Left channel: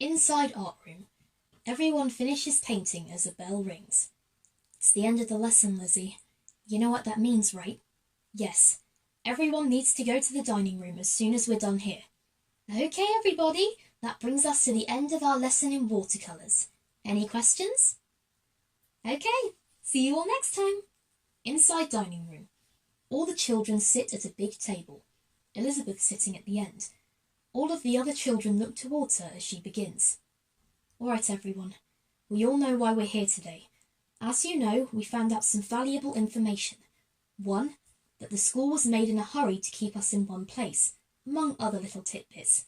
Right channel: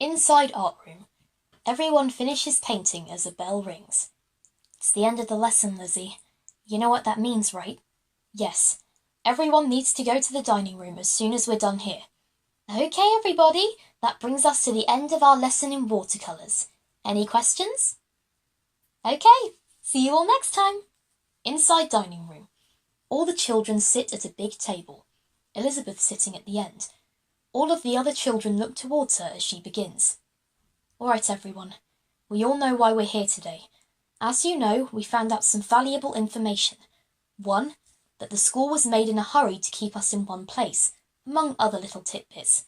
Inside art room. Everyone finishes painting as a bell rings. It's the end of the lesson, Lizzie. You know what that means, right? Yes. Everyone needs to go to the dining room as soon as we're done here. Okay, everybody. That brings us to the end of our lesson in watercolours. Any questions? Okay. See you all next time. Inside dining room. All the children sit at a big table. Elizabeth sitting at the end. All of the other children look towards her as she begins. All right, everyone. We all know why we're here today. As you know, we found out some valuable information. 1, that the school was made in a hurry to keep us in one place, among other little tidbits.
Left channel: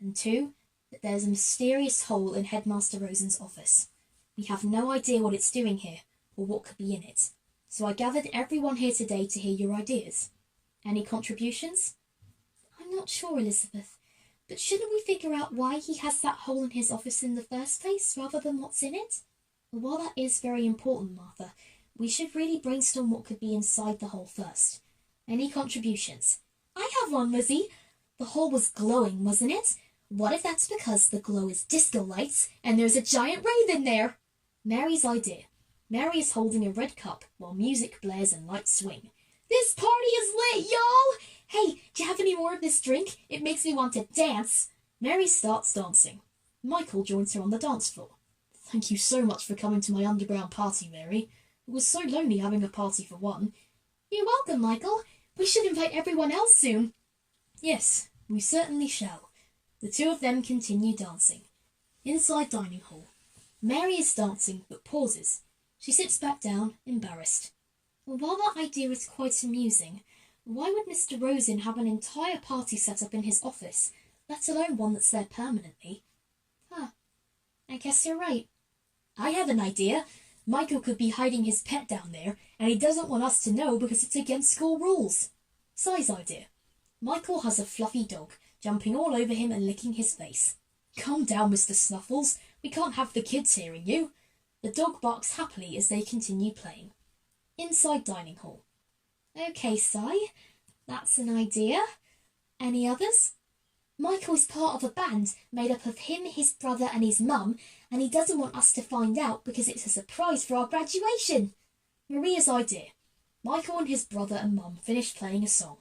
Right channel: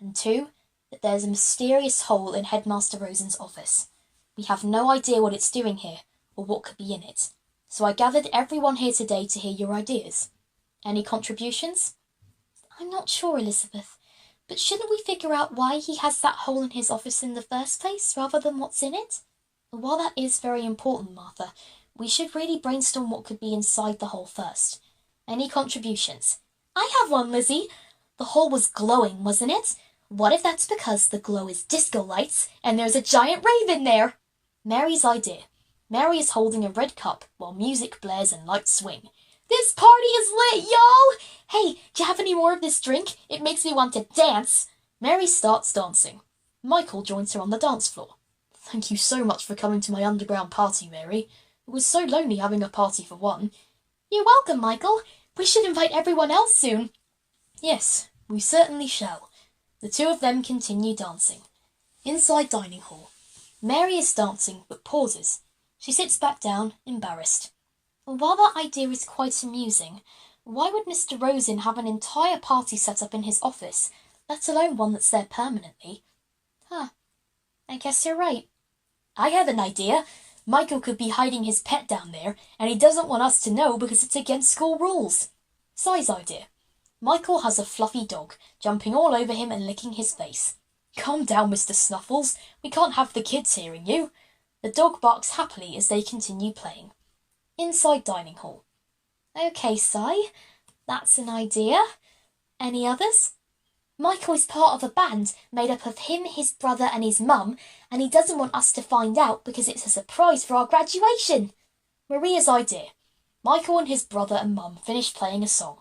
And 2, that there's a mysterious hole in Headmaster Rosen's office. We have no idea what it's doing here, or what could be in it. So I gathered everyone here today to hear your ideas. Any contributions? I'm not sure, Elizabeth. But shouldn't we figure out why he has that hole in his office in the first place, rather than what's in it? While that is very important, Martha, we should really brainstorm what could be inside the hole first. Any contributions? I have one, Lizzie. The hole was glowing, wasn't it? What if that's because the glow is disco lights and there's a giant rave in there? Mary's idea. Mary is holding a red cup while music blares and lights swing. This party is lit, y'all! Hey, do you have any more of this drink? It makes me want to dance. Mary starts dancing. Michael joins her on the dance floor. Thank you so much for coming to my underground party, Mary. It was so lonely having a party for one. You're welcome, Michael. We should invite everyone else soon. Yes, we certainly shall. The two of them continue dancing. Inside dining hall. Mary is dancing, but pauses. She sits back down, embarrassed. While that idea is quite amusing, why would Mr. Rosen have an entire party set up in his office, let alone one that's there permanently? I guess you're right. I have an idea. Michael could be hiding his pet down there, and he doesn't want us to know because it's against school rules. Si's idea. Michael has a fluffy dog, jumping all over him and licking his face. Calm down, Mr. Snuffles. We can't have the kids hearing you. The dog barks happily as they continue playing. Inside dining hall. Okay, Si. That's an idea. Any others? Michael is part of a band made up of him, his brother and his mum, and he doesn't want us to find out because it's a surprise for our graduation. Maria's idea. Michael and his brother and mum finish playing a song.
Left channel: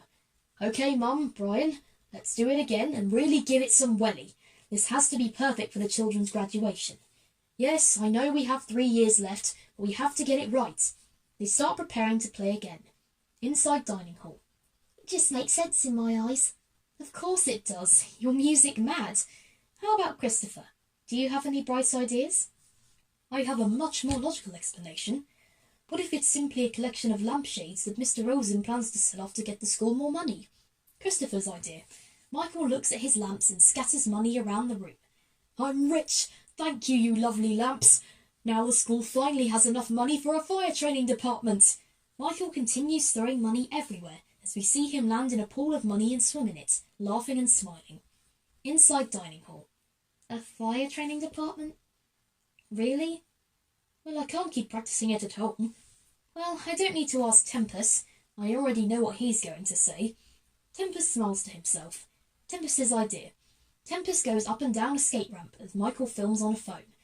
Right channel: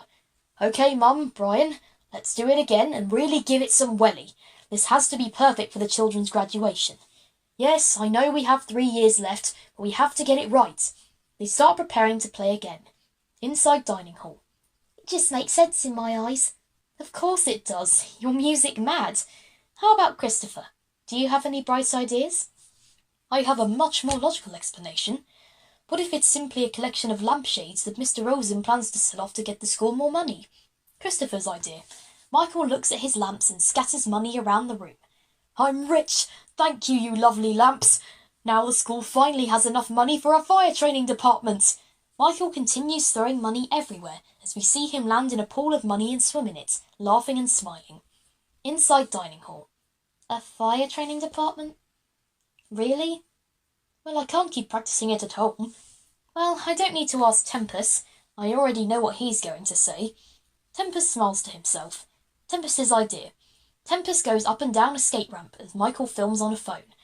Okay, Mum, Brian, let's do it again and really give it some welly. This has to be perfect for the children's graduation. Yes, I know we have 3 years left, but we have to get it right. They start preparing to play again. Inside dining hall. It just makes sense in my eyes. Of course it does. You're music mad. How about Christopher? Do you have any bright ideas? I have a much more logical explanation. What if it's simply a collection of lampshades that Mr. Rosen plans to sell off to get the school more money? Christopher's idea. Michael looks at his lamps and scatters money around the room. I'm rich. Thank you, you lovely lamps. Now the school finally has enough money for a fire training department. Michael continues throwing money everywhere as we see him land in a pool of money and swim in it, laughing and smiling. Inside dining hall. A fire training department? Really? Well, I can't keep practicing it at home. Well, I don't need to ask Tempest. I already know what he's going to say. Tempest smiles to himself. Tempest's idea. Tempest goes up and down a skate ramp as Michael films on a phone.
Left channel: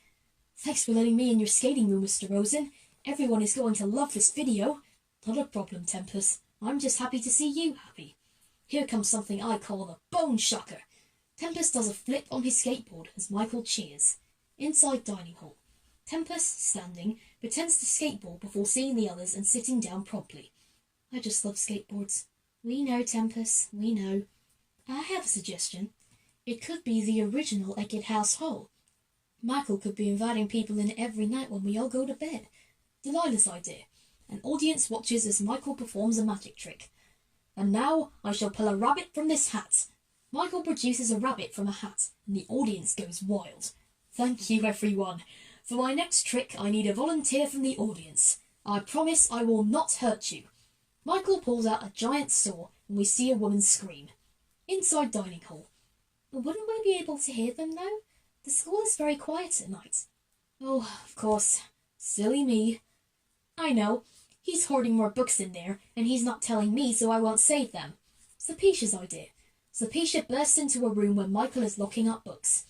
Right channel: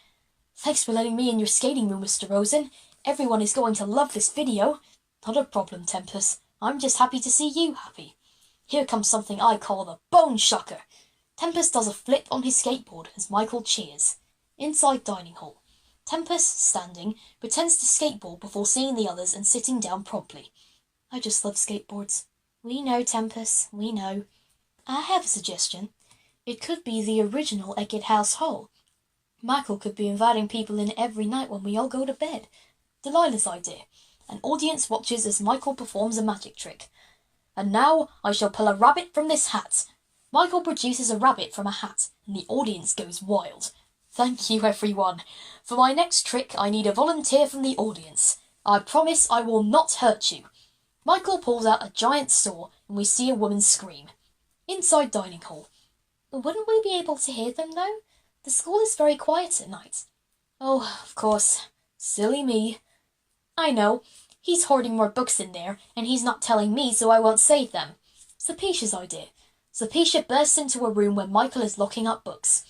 Thanks for letting me in your skating room, Mr. Rosen. Everyone is going to love this video. Not a problem, Tempest. I'm just happy to see you happy. Here comes something I call the bone shocker. Tempest does a flip on his skateboard as Michael cheers. Inside dining hall. Tempest, standing, pretends to skateboard before seeing the others and sitting down promptly. I just love skateboards. We know, Tempest, we know. I have a suggestion. It could be the original Eckett House hole. Michael could be inviting people in every night when we all go to bed. Delilah's idea. An audience watches as Michael performs a magic trick. And now I shall pull a rabbit from this hat. Michael produces a rabbit from a hat, and the audience goes wild. Thank you, everyone. For my next trick, I need a volunteer from the audience. I promise I will not hurt you. Michael pulls out a giant saw, and we see a woman scream. Inside dining hall. Wouldn't we be able to hear them, though? The school is very quiet at night. Oh, of course. Silly me. I know. He's hoarding more books in there, and he's not telling me, so I won't save them. Zapisha's idea. Zapisha bursts into a room where Michael is locking up books.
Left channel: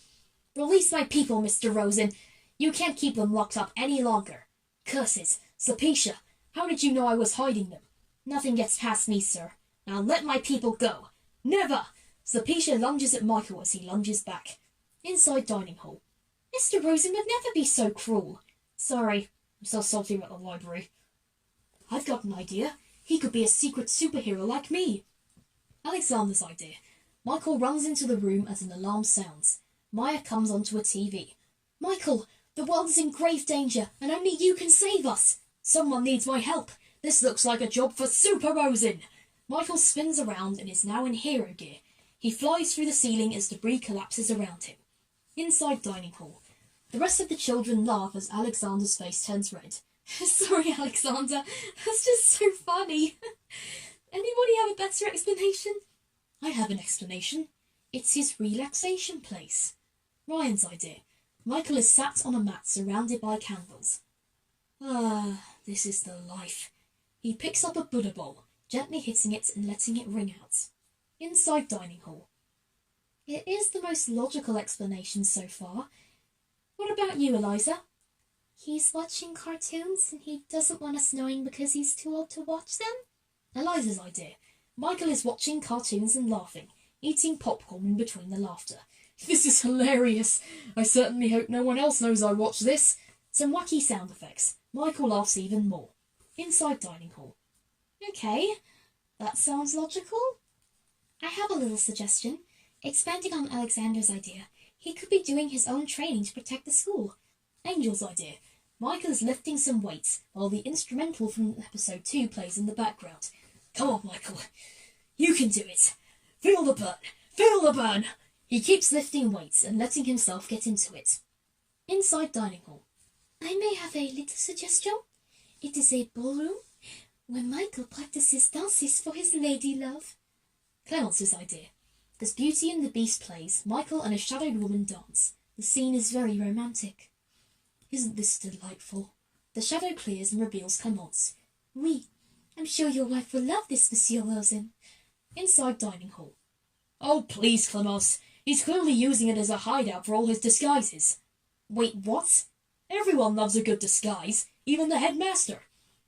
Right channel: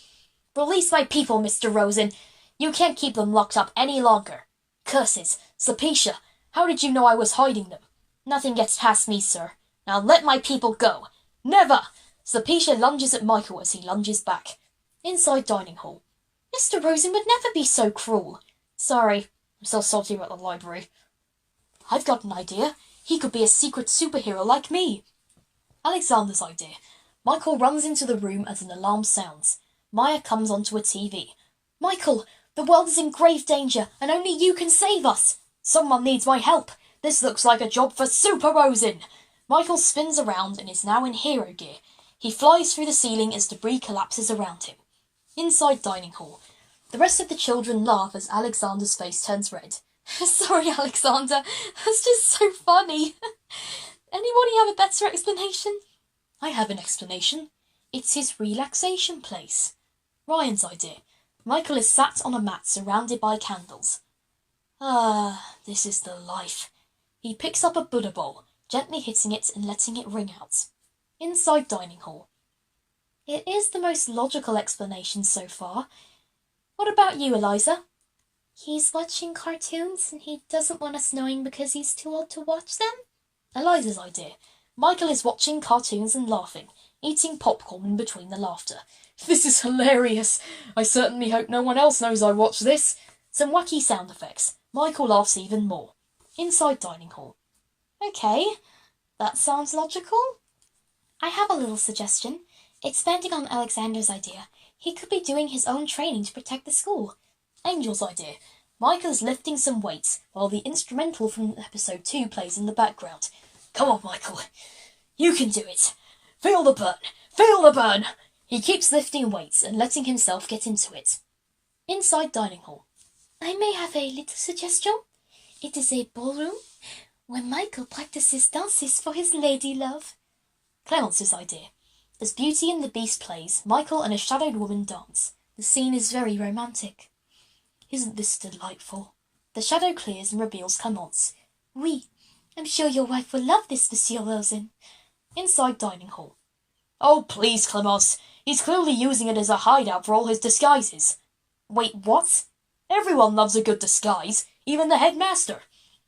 Release my people, Mr. Rosen. You can't keep them locked up any longer. Curses! Sulpicia, how did you know I was hiding them? Nothing gets past me, sir. Now let my people go. Never! Sulpicia lunges at Michael as he lunges back. Inside dining hall. Mr. Rosen would never be so cruel. Sorry, I'm so salty about the library. I've got an idea. He could be a secret superhero like me. Alexander's idea. Michael runs into the room as an alarm sounds. Mya comes onto a TV. Michael, the world is in grave danger, and only you can save us. Someone needs my help. This looks like a job for Super Rosen. Michael spins around and is now in hero gear. He flies through the ceiling as debris collapses around him. Inside dining hall. The rest of the children laugh as Alexander's face turns red. Sorry, Alexander. That's just so funny. Anybody have a better explanation? I have an explanation. It's his relaxation place. Ryan's idea. Michael is sat on a mat surrounded by candles. Ah, this is the life. He picks up a Buddha bowl, gently hitting it and letting it ring out. Inside dining hall. It is the most logical explanation so far. What about you, Eliza? He's watching cartoons and he doesn't want us knowing because he's too old to watch them? Eliza's idea. Michael is watching cartoons and laughing, eating popcorn in between the laughter. This is hilarious. I certainly hope no one else knows I watch this. Some wacky sound effects. Michael laughs even more. Inside dining hall. Okay, that sounds logical. I have a little suggestion. Expanding on Alexander's idea, he could be doing his own training to protect the school. Angel's idea. Michael is lifting some weights while the instrumental from episode 2 plays in the background. Come on, Michael. You can do it. Feel the burn. Feel the burn. He keeps lifting weights and letting himself get into it. Inside dining hall. I may have a little suggestion. It is a ballroom where Michael practices dances for his lady love. Clemence's idea. As Beauty and the Beast plays, Michael and a shadowed woman dance. The scene is very romantic. Isn't this delightful? The shadow clears and reveals Clemence. Oui, I'm sure your wife will love this, Monsieur Rosen. Inside dining hall. Oh, please, Clemence. He's clearly using it as a hideout for all his disguises. Wait, what? Everyone loves a good disguise, even the headmaster.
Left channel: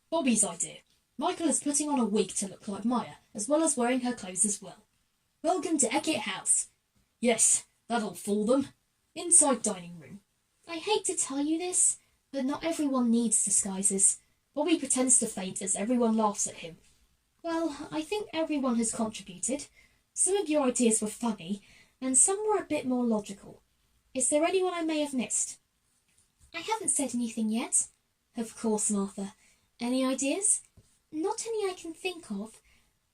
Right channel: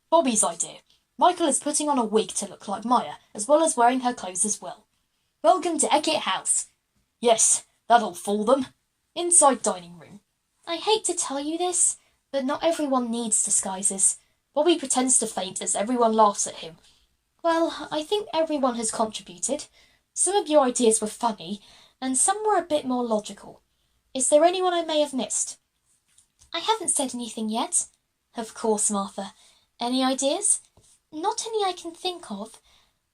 Bobby's idea. Michael is putting on a wig to look like Mya, as well as wearing her clothes as well. Welcome to Eckett House. Yes, that'll fool them. Inside dining room. I hate to tell you this, but not everyone needs disguises. Bobby pretends to faint as everyone laughs at him. Well, I think everyone has contributed. Some of your ideas were funny, and some were a bit more logical. Is there anyone I may have missed? I haven't said anything yet. Of course, Martha. Any ideas? Not any I can think of.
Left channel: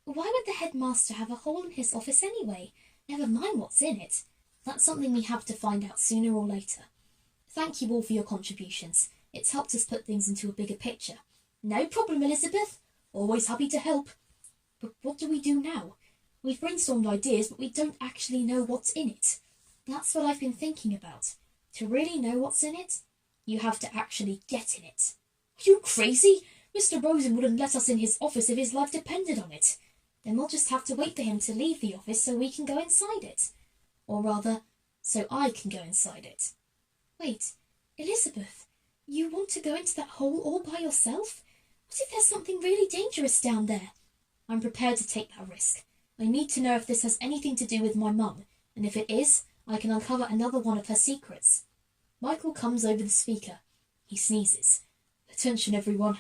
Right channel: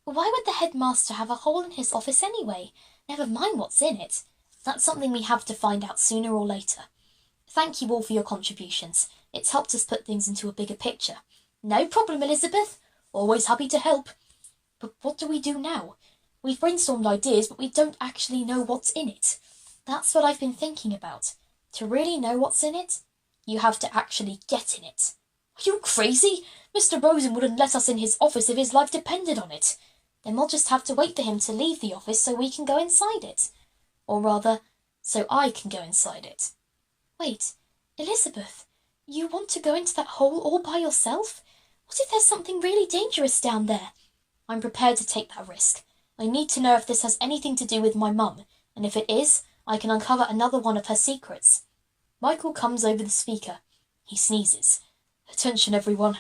Why would the headmaster have a hole in his office anyway? Never mind what's in it. That's something we have to find out sooner or later. Thank you all for your contributions. It's helped us put things into a bigger picture. No problem, Elizabeth. Always happy to help. But what do we do now? We've brainstormed ideas, but we don't actually know what's in it. That's what I've been thinking about. To really know what's in it, you have to actually get in it. Are you crazy? Mr. Rosen wouldn't let us in his office if his life depended on it. Then we'll just have to wait for him to leave the office so we can go inside it. Or rather, so I can go inside it. Wait, Elizabeth, you want to go into that hole all by yourself? What if there's something really dangerous down there? I'm prepared to take that risk. I need to know if this has anything to do with my mum, and if it is, I can uncover another one of her secrets. Michael comes over the speaker. He sneezes. Attention, everyone.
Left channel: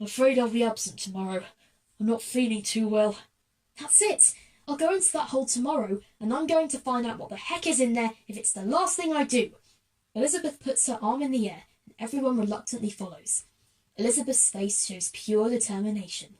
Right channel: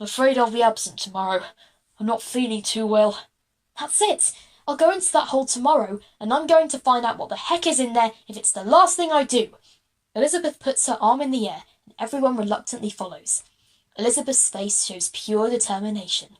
I'm afraid I'll be absent tomorrow. I'm not feeling too well. That's it. I'll go into that hole tomorrow, and I'm going to find out what the heck is in there if it's the last thing I do. Elizabeth puts her arm in the air, and everyone reluctantly follows. Elizabeth's face shows pure determination.